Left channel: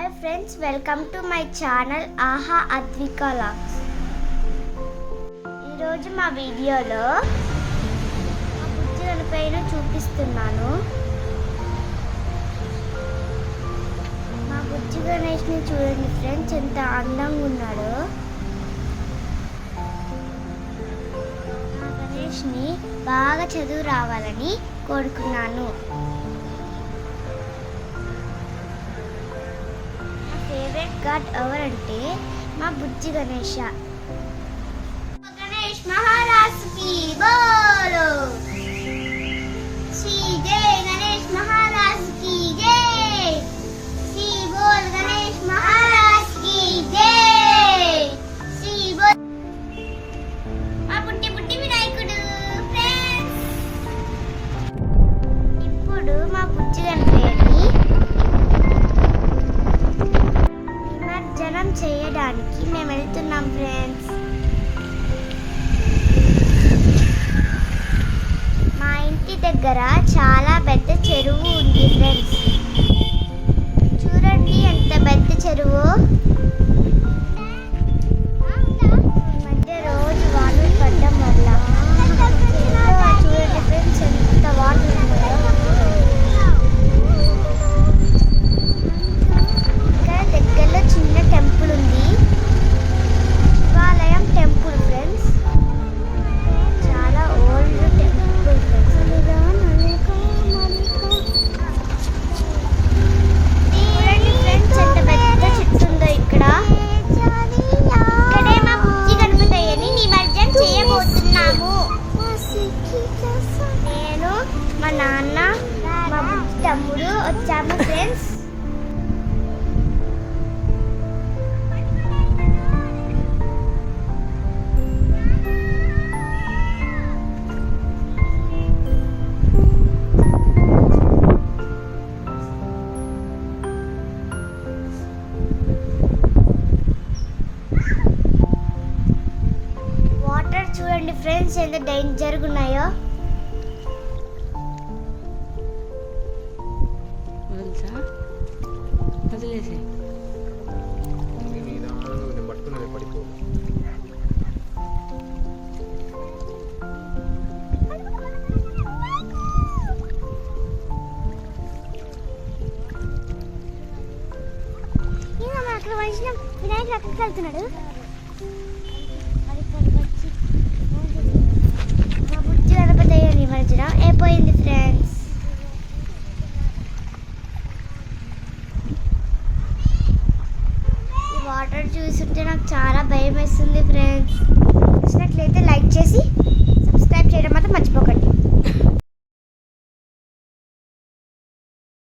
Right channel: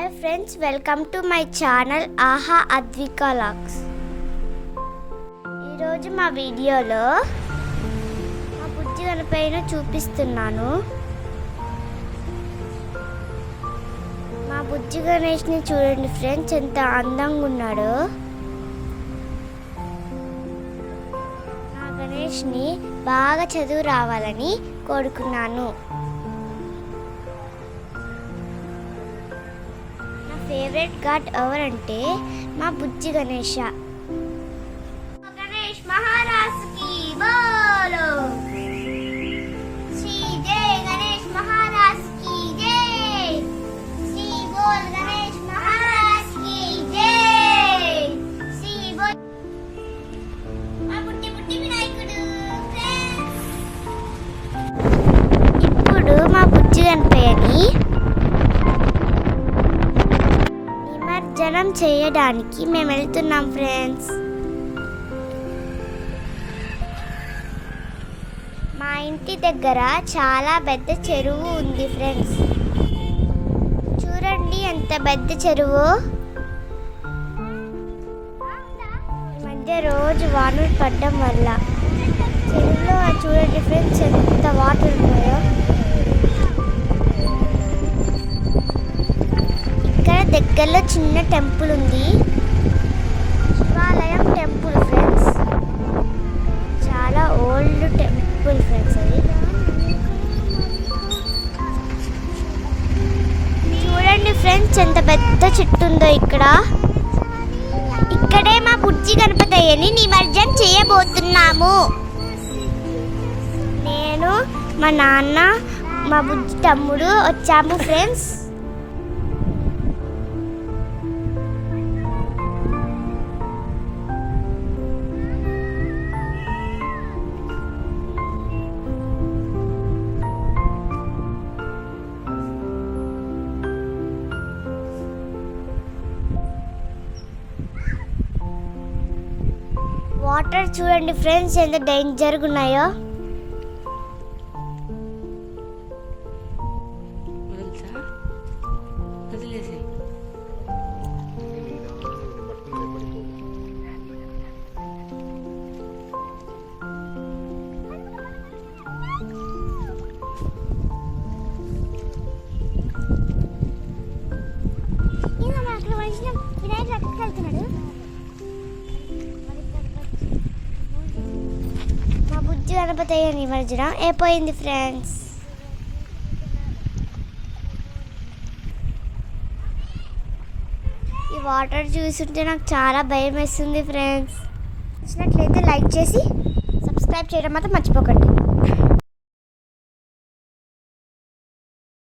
Hi friends welcome to my channel ఆహా అద్వికా లాక్స్ ఈరోజు మా వీడియోలో మా బుజ్జి గణపైన చూపిస్తున్నాను. మా బుజ్జి గణేష్ని చూడండి ఫ్రెండ్స్ ఎంత అందంగా ఉన్నాడో. మా గణేష్ని బాగా చదువు రావాలని కోరుకున్నాను. ఫేవరెట్ గాడ్ ఎవరంటే మా బుజ్జి గణేష. ప్రయాణం చేయడానికి మేము వెళ్తున్నాం ఫ్రెండ్స్ మా ఇంటి దగ్గర చాలా పెద్ద చెరువు ఉంది ఫ్రెండ్స్ చూడండి ఎంత పెద్ద చెరువు. ఈ మధ్య రోజు వానలు పడడం వల్ల. చెరువులో చూడండి ఫ్రెండ్స్ దగ్గరలో చిన్న టెంపుల్ ఉంది. శివాలయం టెంపుల్ ఫ్రెండ్స్. చాలా ఓల్డ్ టెంపుల్ ఫ్రెండ్స్. చూడండి ఫ్రెండ్స్ ఎంత పెద్ద చెట్టు ఉందో ఇక్కడ. ఇక్కడే మా బుజ్జి గణపతయ్యని నిమజ్జనం చేయబోతున్నాము. నేను మా నాన్న మా బుజ్జి తమ్ముడు వచ్చాము ఫ్రెండ్స్. వాటర్ చూడండి ఫ్రెండ్స్ ఎంత డేంజర్గా ఉన్నాయో. వదులుతా? వదిలేసాయి వినాయకుడు అక్కడికి వెళ్తున్నాడు. గణపతి అయిపోయింది ఫ్రెండ్స్. ఈ వాటర్ చూస్తుంటే నాకు చాలా భయం వేస్తుంది ఫ్రెండ్స్. నచ్చినట్లయితే లైక్ చేసి సబ్స్క్రైబ్ చేయడం మాత్రం మర్చిపోకండి.